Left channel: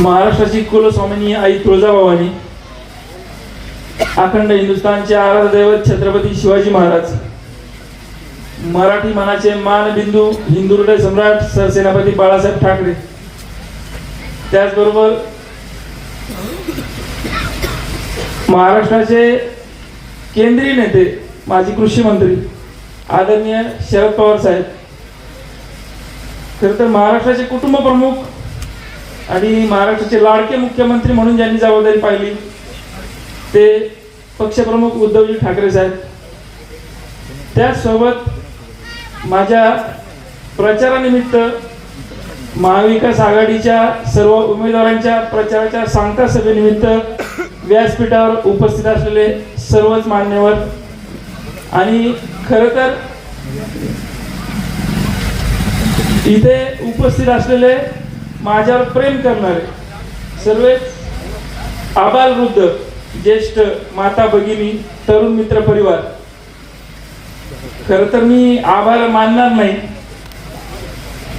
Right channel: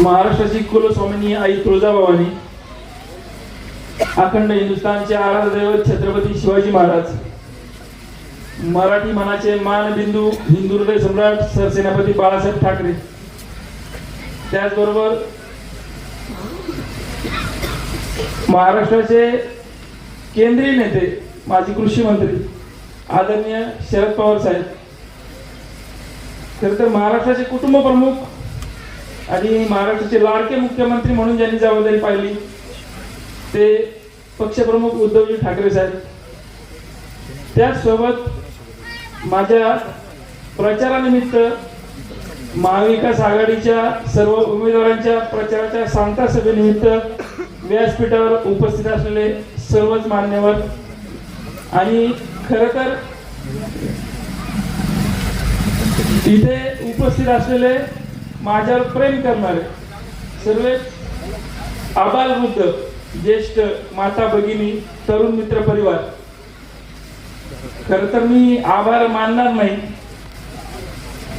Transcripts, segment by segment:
महाराष्ट्राची कुलस्वामिनी आई तुळजाभवानी अखंड हिंदुस्थानचे आराध्य दैवत छत्रपती शिवाजी महाराज मराठी मनाचे मानबिंदू हिंदू हृदय सम्राट सरसेनापती बाळासाहेब ठाकरे. त्याचबरोबर महाराष्ट्राचे केंद्रीय नेते माजी कृषी मंत्री आदरणीय शरद पवार साहेब. खर तर महाराष्ट्राचे कुटुंब प्रमुख आणि महाराष्ट्राचे लाडके मुख्यमंत्री म्हणून ज्यांनी जबाबदारी पाहिली ते पक्षप्रमुख उद्धवजी ठाकरे साहेब. त्याचसोबत माझ्या प्रचारानिमित्त महाविकास आघाडीच्या सर्व उमेदवारांच्या प्रचाराच्या सांगता सभेनिमित्त व्यासपीठावर उपस्थित असलेले सर्वच मान्यवर. आणि खर तर इथे उपस्थित असलेले माझ्यावर प्रेम करणारे सर्व आबाल वृद्ध ज्येष्ठ माता भगिनी तरुण मित्र परिवार. खर तर मी आभार मानणार नाही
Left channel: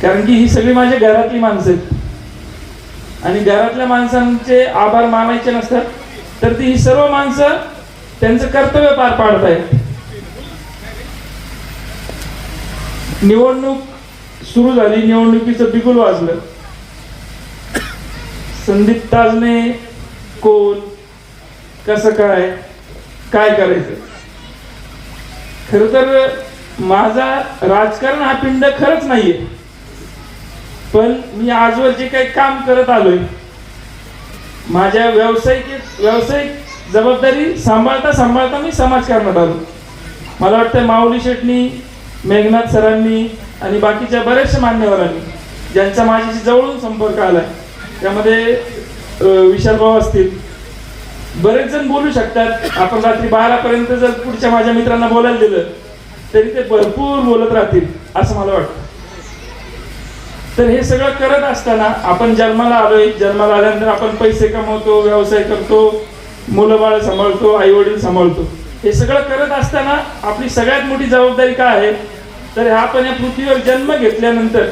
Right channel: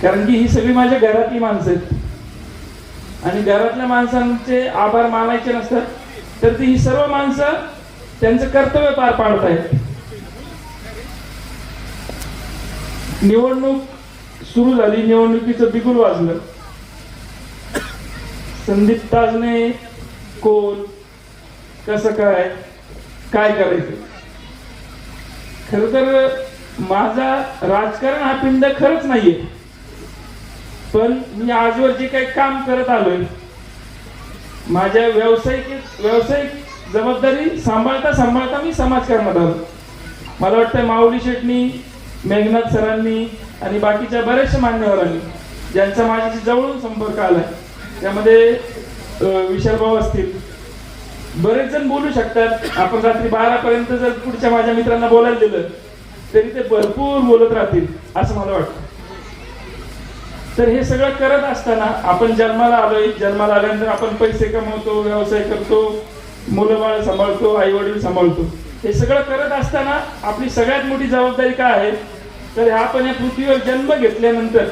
कारण की ही सगळी माझ्या घरातली माणसं आहेत. आणि घरातल्या माणसांचे आभार मानायचे नसतात तर ती ही सर्व माणसं त्यांचं कर्तव्य पार पाडत आहेत निवडणूक सुरू झाली निवडणुकीचं बिगुल वाजलं. संदीप ताजने कोण? कसं काय? काय करायचं? खर तर माझा राजकारण हा पिंड खरंच नाहीये. पण मी आजवर जे काही काम करत आलोय माझ्या व्यावसायिक व्यावसायिक जबाबदारी सांभाळता सांभाळता मी समाजकारणात आलो. मला वाटतं माऊली शेटणी मेघनाथ सरांनी आणि बाकीच्या बऱ्याचशा मान्यवरांनी ज्यांचा माझ्याशी जवळून संपर्क आलाय त्यामध्ये विशालभाव विशाल असतील. बरेच जण बोलू शकतात. आपण रात्री बारा पर्यंत जर पुढच्या माझ्या मित्रांना बोलायला दिलं तरी ते भरपूर बोलत राहतील असं मला वाटतं. तर हे सगळं करत असताना आपण जन्माला आलोय. जन्माला आल्यानंतर आपण पैसे कमवतो व्यवसाय करतो मुलं बाळ सांभाळतो आई वडील सांभाळतो. हे सगळं करत असताना आपली सगळ्यात मोठी जबाबदारी काय आहे? तर आपण या पृथ्वीवर जन्म घेतल्यानंतर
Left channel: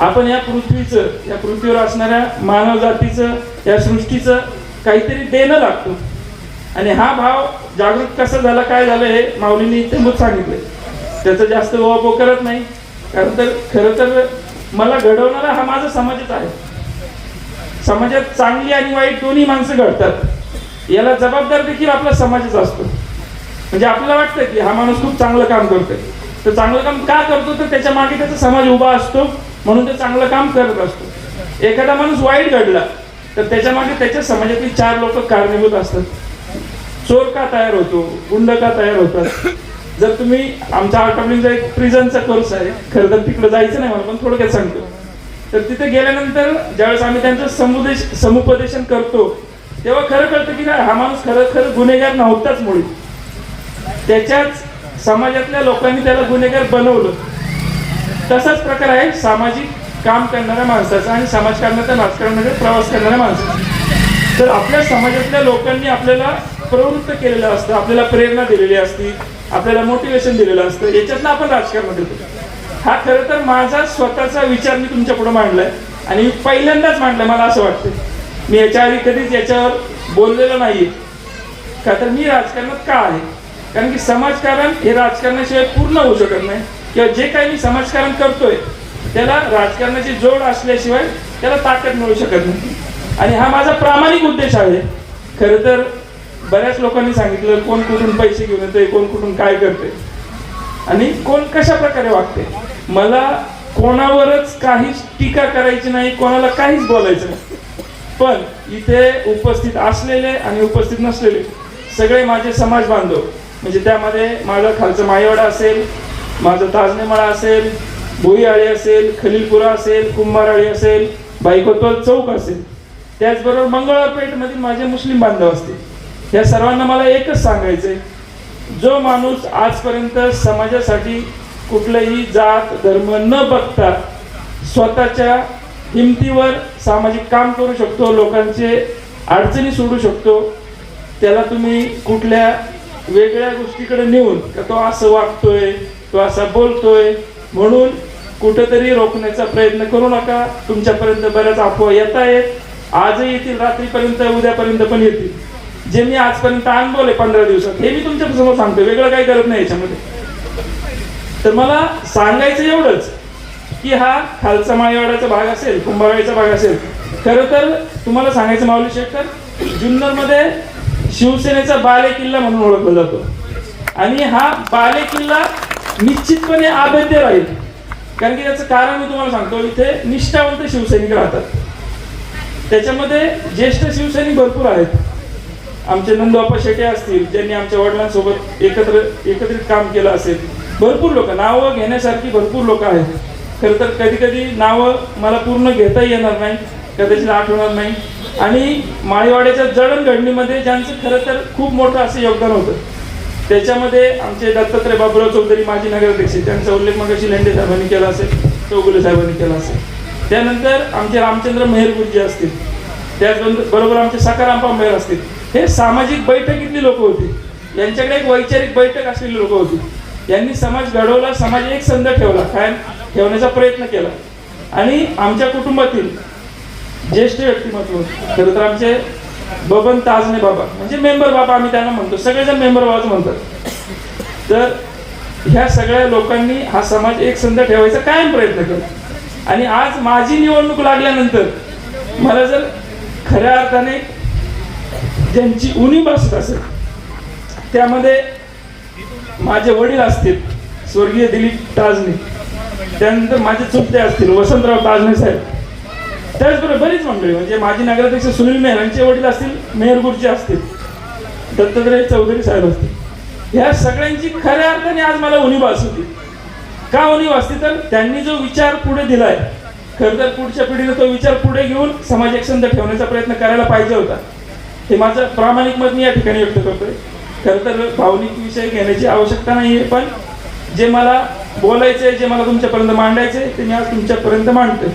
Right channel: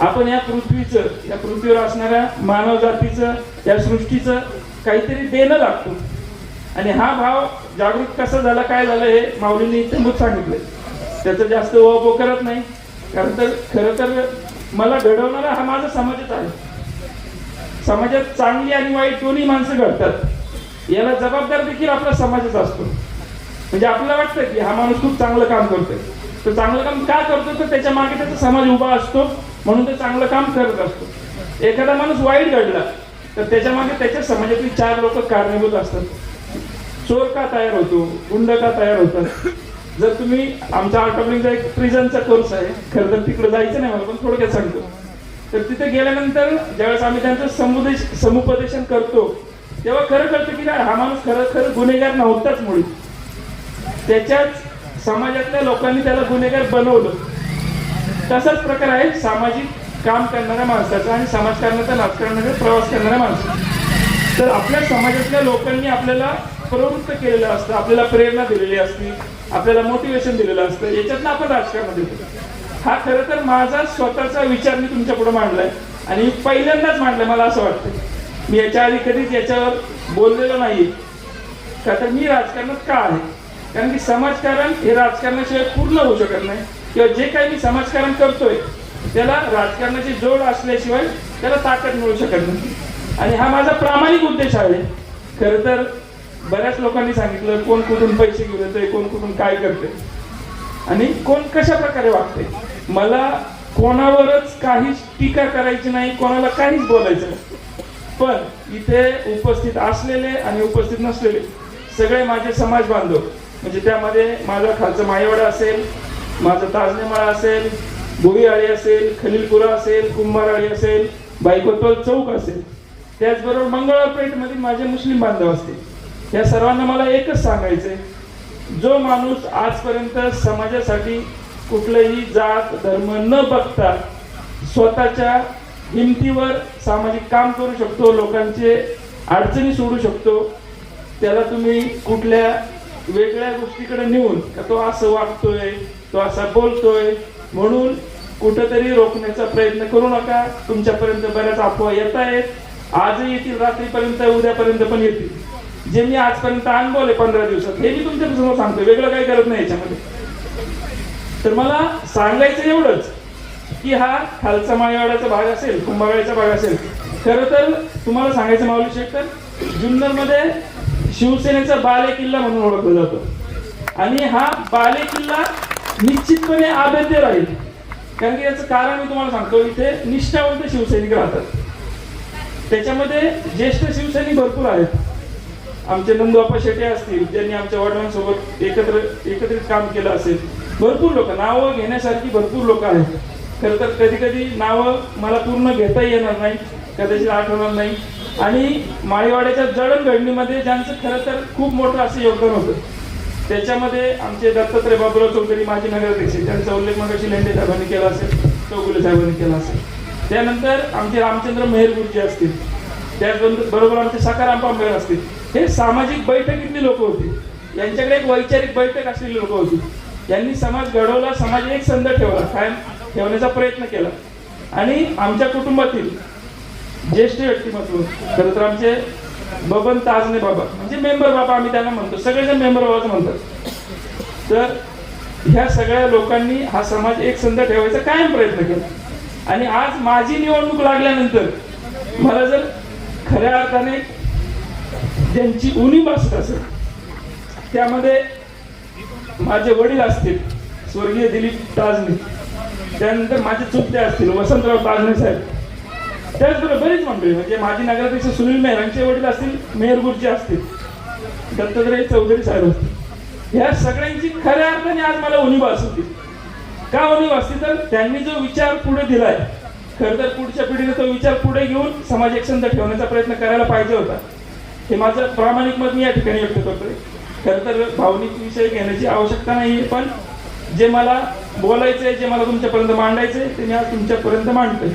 आपण या पृथ्वीचं या पृथ्वीवर असणाऱ्या मानव जातीचं या सृष्टीचं काहीतरी देणं लागतो. आणि हा भाव जागृत कसा झाला काय झालं हे माऊलीने इत्यंभूत सांगितलं. त्याचं जास्त ओवापो करत नाही. कारण तर खरं तर मला घडवणारा हा माझा समाजच आहे. समाजात चांगली आणि वाईट दोन्ही माणसं घडतात. याला जबाबदार देखील आपला समाजच असतो. म्हणजे आपल्याला वाटतं की हा माणूस खूप चांगलं काम करतोय. तर चांगलं काम का करतो? तर त्याच्यामागे त्याचा समाज उभा असतो म्हणून तो चांगलं काम करत असतो. एखादा माणूस वाईट घडला तर त्याच्यामागे त्याच्या समाजातील चार लोक कारणीभूत असतात. चोर का तयार होतो? गुंड का तयार होतात? जर तुम्ही आमचा आठवणीचा एक प्रिझनचा कोर्स आहे खरं तर तिकडे जायचं नाही म्हणून थोडक्यात सांगतो. तर तिथे गेल्यानंतर ज्यावेळेस आम्ही त्यांचं समुदेश समुपदेशन करतो तेव्हा खरं कळतं की हा माणूस खरं खरं गुन्हेगार नव्हताच मुळी. त्याच्याच समाजातल्या लोकांनी त्याला गुन्हेगार बनवलं. तसाच प्रकार आहे सामाजिक काम करणाऱ्या माणसाचा आणि समाजकारणाच्या राजकारणामध्ये प्रवास करणाऱ्या माणसाचा. तर आपल्या समाजातल्या लोकांनी आपल्याला प्रवृत्त केलेलं असतं आपल्याला प्रेरणा दिलेली असते आपल्याला मोटिवेशन दिलेलं असतं याच्यातनं आपण राजकारण देतो. हा खरं तर माझा स्वतःचा विचार मी तुमच्यापुढे मांडलाय आणि मी पहिल्यांदाच मांडलाय मला असं वाटतं मी याच्या आधी कधीच याच्यावर बोललेलं नाहीये. का तर मी राजकारणात का आहे? कारण की समाजकारण हे राजकारणाशिवाय पूर्ण होऊ शकत नाही. किंवा जे काही मी समाजकारण करतोय त्याला राजकारणाची जोड असल्याशिवाय त्याला ताकद मिळू शकत नाही. आणि हा माझा प्रामाणिक उद्देश आहे. खर तर बऱ्याच लोकांनी सांगितलं कोण कुठून पैसे घेऊन येतोय कोण कुठून काय करते आणि कोण कशा प्रकारे वागते मला कोणावरच काहीच टीका करायची नाही कोणाला काहीच बोलायचं पण इथे उपस्थित असलेले आणि उपस्थित नसलेले सगळे माझे समाज बांधव म्हणजे त्यामध्ये माझा खालचं मायवाडा असेल माझं ताजनेमाळा असेल भोईआळी असेल खलीलपुरा असेल कुंभाराळी असेल बाईकोतवाल चौक असेल. त्याचबरोबर मंगळापेठमधील माझे मुस्लिम बांधव असतील. या सर्वांना मला एकच सांगायचंय जो माणूस आजपर्यंत समाजासाठी कुठलंही जात धर्म न बघता स्वतःच्या हिमतीवर सामाजिक काम करू शकतो लोकांचे अडचणी सोडू शकतो त्याला तुम्ही कुठल्या वेगळ्या गोष्टीकडे नेऊन का तो असं वागतोय तो असा बोलतोय म्हणून कुठंतरी रोखण्याचा प्रयत्न करू नका. तुमच्यापर्यंत बऱ्याच अफवा येत आहेत. आजही येतील रात्रीपर्यंत उद्यापर्यंत पण येतील. जे मी आजपर्यंत अनुभवले पंधरा दिवसात हे मी तुमच्यासमोर सांगतो वेगळं काही करत नाही याच्यामध्ये. तर मला सांगायचं एवढंच की हा खालचा माळीवाड्याचा भाग असेल कुंभारवाडीचा भाग असेल खरं तर तुम्हाला सांगायचं माऊली शेखर जुन्नरमध्ये शिवसेनेचा बाले किल्ला म्हणून ओळखला जातो. आणि हा बाले किल्ला निश्चितपणे अभेद्य राहील. कारण की याचं कारण मी तुम्हाला सांगतो इथे निष्ठावंत शिवसैनिक राहतात. त्याच्यामध्ये ज्येष्ठ शिवसैनिक भरपूर आहेत. आमचे नंदबापा शेटे असतील ज्यांनी आमच्या वडिलांसोबत एकत्र एकत्रित काम केलं असेल. भरपूर लोक नावं घेण्यासारखी भरपूर लोक आहेत. खरं तर कधी कधी नावं मला पूर्ण घेता येणार नाही कदाचित आठवणार नाही. आणि माळीवाड्याच्या जडणघडणीमध्ये ज्यांचं खरं तर खूप मोठं असं योगदान होतं त्याच्यामध्ये आमचे दत्तात्रय बाबुराव चौधरी माजी नगराध्यक्ष त्यांचा उल्लेख मगाशी लेंडे साहेबांनी केला असेल चौगुले साहेबांनी केला असेल. त्यानंतर आमचे रामचंद्र मेहरगुरुजी असतील त्याचबरोबर आमचे सकाराम पांबेर असतील हे सामाजिक बैठकीतली लोक होती. यांच्याकडे एक वैचारिक बैठक असलेली लोक होती. यांनी समाज घडवला समाज एक संध ठेवला कायम ठेवण्याचा प्रयत्न केला. आणि आमच्या कुटुंबातील ज्येष्ठ व्यक्तिमत्व. खरं तर आमचे बबन ताजने बाबा म्हणजे मेंबर बाबा आम्ही त्यांना म्हणतो. सगळेजण मेंबर बाबाच म्हणतात. तर ह्या सगळ्या लोकांनी हा समाज एक संध ठेवायचा कायम प्रयत्न केला. आणि आज माझी निवडणूक लागल्यानंतर मला जर खऱ्या अर्थाने ज्यांची उणी बसत असेल त्यामध्ये माझे वडील असतील स्वर्गीय दिलीप ताजने त्यानंतर माझे चुलते असतील वसंतराव ताजने साहेब त्याचबरोबर बरीच मंडळी म्हणजे माजी नगराध्यक्ष सुनील मेहर यांचे वडील असतील मेहरपूरचे असतील दत्तात्रय चौधरी साहेब असतील. ह्या सगळ्यांची खऱ्या अर्थाने आज मला उणीव होती. का उणीव असते तर त्यांनी जो विचार पुढे दिलाय खर तर पुढच्या पिढीने तो विचार पुढे घेऊन समाज एकसंध ठेवण्याचा प्रयत्न करायला पाहिजे होता. हे माझं प्रामाणिक मत मी या ठिकाणी व्यक्त करतोय. खरं तर भावनिक विषय घेण्याची आवश्यकता नाही आहे पण जे मला बोलायचंय जे मला तुमच्यापर्यंत मांडायचंय ते मी आज तुमच्यापर्यंत मांडतोय.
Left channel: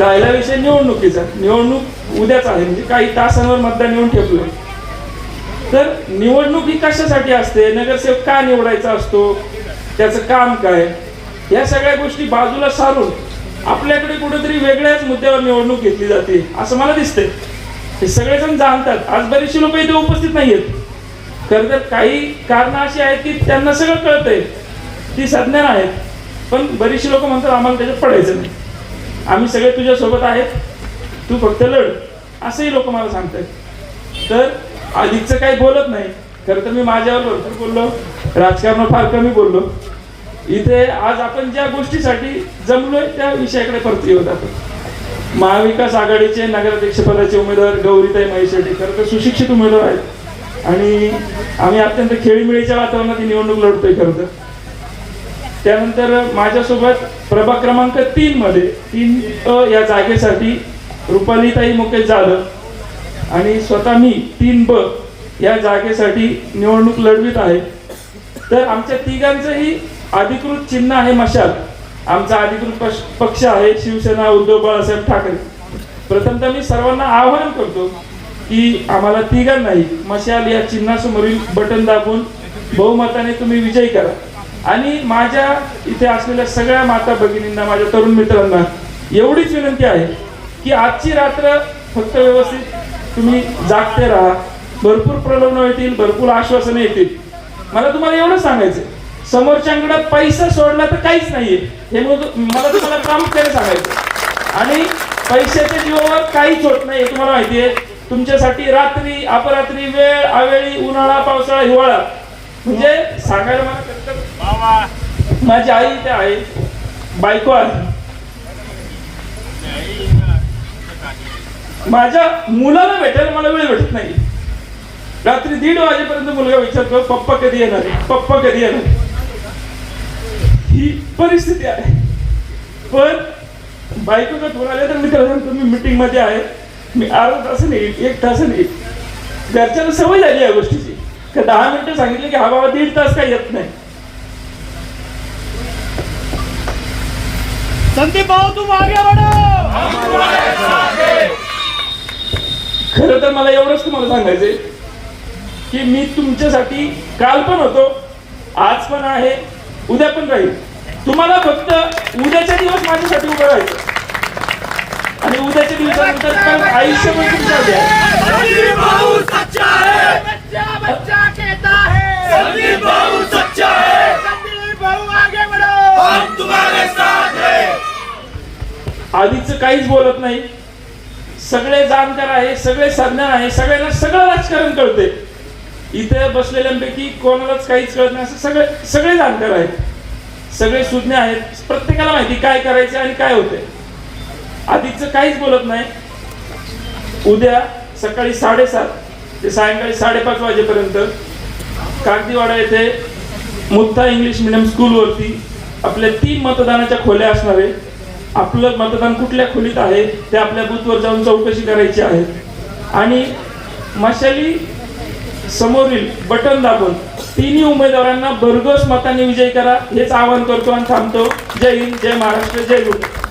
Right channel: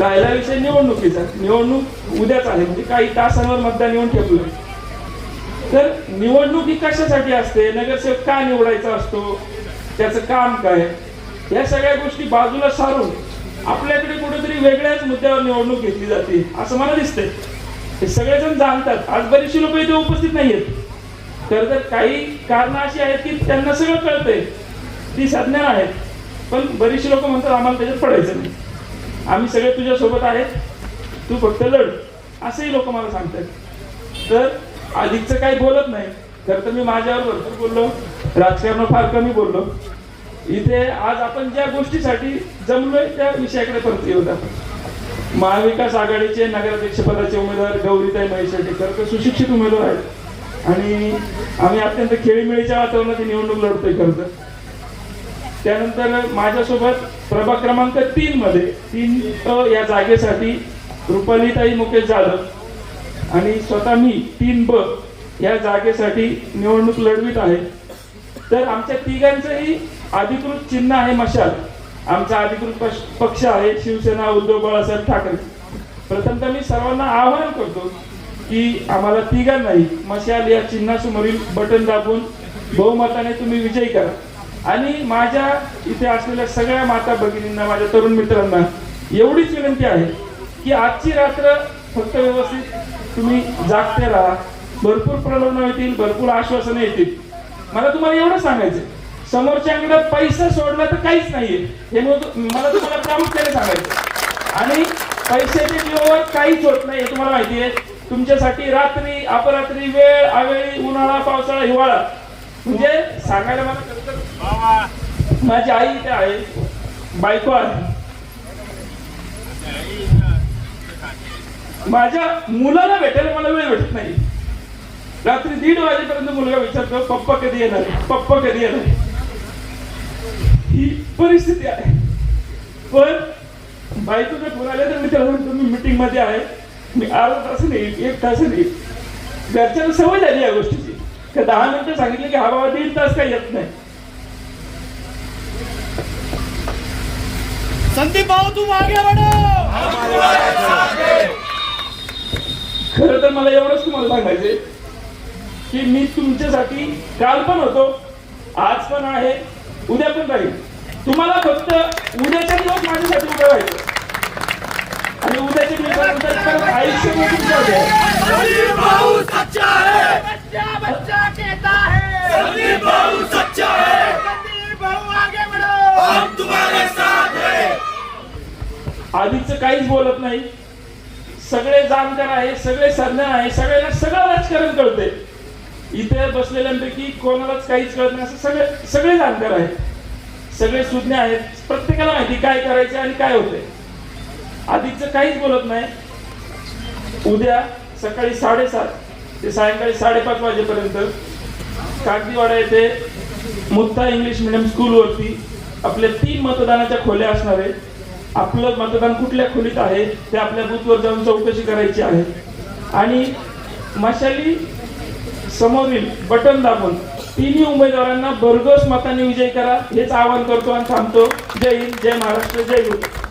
राहिला विषय निवडणुकीचा. निवडणूक उद्याच आहे म्हणजे काही तासांवर मतदान येऊन ठेवलं तर निवडणूक ही कशासाठी असते? नगरसेवक का निवडायचा असतो? त्याचं काम काय? या सगळ्या गोष्टी बाजूला सारून आपल्याकडे कुठेतरी वेगळ्याच मुद्द्यावर निवडणूक घेतली जाते असं मला दिसतंय. हे सगळेजण जाणतात. आज बरीचशी लोक इथे उपस्थित नाहीयेत. खरं तर काही कारण अशी आहेत की त्यांना सगळं कळतंय. ती संज्ञान आहेत पण बरीचशी लोक म्हणतात आम्हाला त्याच्यात पडायचं नाही. आम्ही सगळे तुझ्या सोबत आहेत. तू फक्त लढ. असंही लोक मला सांगतात तर अधिकचं काही बोलत नाही. खरं तर मी माझ्यावर भरपूर बोललो. राजकारण फार कमी बोललो. इथे आज आपण ज्या गोष्टीसाठी जमलोय त्या विषयाकडे परत येऊ जातो. महाविकास आघाडीचे नगराध्यक्ष पदाचे उमेदवार गौरीताई महेशेट्टी खरं तर सुशिक्षित उमेदवार आहेत. आणि आम्ही अत्यंत खेळीमेळीच्या वातावरणात निवडणूक लढतोय खरं तर. त्यानंतर माझ्यासोबत प्रभाग क्रमांक तीन मध्ये तीन या जागेसाठी रुपालीताई मुकेश जाधव आणि स्वतः मी तीन ब या जागेसाठी निवडणूक लढवित आहे. तर आमच्या तिघांचंही अधिकृत चिन्ह आहे मशाल. आमचा अधिकृत पक्ष आहे शिवसेना उद्धव बाळासाहेब ठाकरे. प्रथमतः मी सर्वांना आवाहन करतो की आम्हाला तिघांनाही मशाल या चिन्हासमोरील बटन दाबून बहुमताने तुम्ही विजयी करा. आणि माझ्या इथे असलेल्या सगळ्या माता भगिनींना माझ्या तरुण मित्रांना एवढीच विनंती आहे की आजची रात्र फक्त व्यवस्थित तुम्ही जागते राहा. भरपूर प्रलोभन येतील भरपूर आश्वासनं येतील. मला तुम्हाला एवढं सांगायचं समोरच्याकडे पैसा सोडला तर काहीच नाहीये. हे मग मला तुम्हाला प्रामुख्याने सांगायचं आणि पैशाच्या जीवावर काहीच होत नाही हे तुम्हाला माहितीये तुमच्यासाठी रात्री अपरात्री वेळ अवेळी उन्हाळा पावसाळा हिवाळा. म्हणजे सांगायला मला माझी आई इथे आहे. बायको आहे. माझ्या मुलाला भेटायला मला वेळ भेटत नाही. रात्री दीड वाजेपर्यंत मुलगा विचारतो पप्पा कधी येणार पप्पा कधी येणार ही परिस्थिती आहे. पण बायकोचा फोन आला तर मित्र तुम्ही मीटिंगमध्ये आहे. मी अर्धा तासाने येईल एक तासाने येईल घरच्यांना सवय झाली या गोष्टीची. का दहा मिनिटं सांगितली की हा बाबा दीड तास काही येत नाही. संदीप भाऊ तुम आगे बढ़ो खरं तर मला एवढंच तुम्हाला सांगायचंय की मी तुमच्यासाठी काल पण होतो आज पण आहे उद्या पण राहील. तुम्हाला फक्त उद्याच्या दिवस माझ्यासाठी उभं राहायचं. आणि उद्याच्या दिवसानंतर आयुष्यभर तुमच्या भाऊ सच्चा है बच्चा बच्चा कहता है संदीप भाऊ सच्चा है संदीप भाऊ आगे बढ़ो. हम तुम्हारे साथ है. आधीच काहीच बोलत नाही. सगळे जाणकार आहे सगळे सज्ञान आहे सगळ्यांना सगळं राजकारण कळते इथे बसलेल्यांपैकी कोणालाच काहीच कळत नाही असं सगळे सगळे जाणकार आहेत. सगळे सुज्ञ आहेत. प्रत्येकाला माहिती काय करायचं आणि काय होते आधीच काहीच बोलत नाही. उद्या सकाळी साडेसात ते सायंकाळी साडेपाच वाजेपर्यंत कागदीवाडा येथे मुक्ता इंग्लिश मिडियम स्कूलवरती आपल्या तीन मतदानाच्या खोल्या असणार आहे. आपलं मतदान कुठल्या खोलीत आहे ते आपल्या बूथवर जाऊन चौकशी करायची आहे. आणि मशाली समोरील बटन दाबून तिन्ही उमेदवारांना भरघोस मताने विजय करा हेच आवाहन करतो आणि थांबतो. जय हिंद जय महाराष्ट्र जय गुरु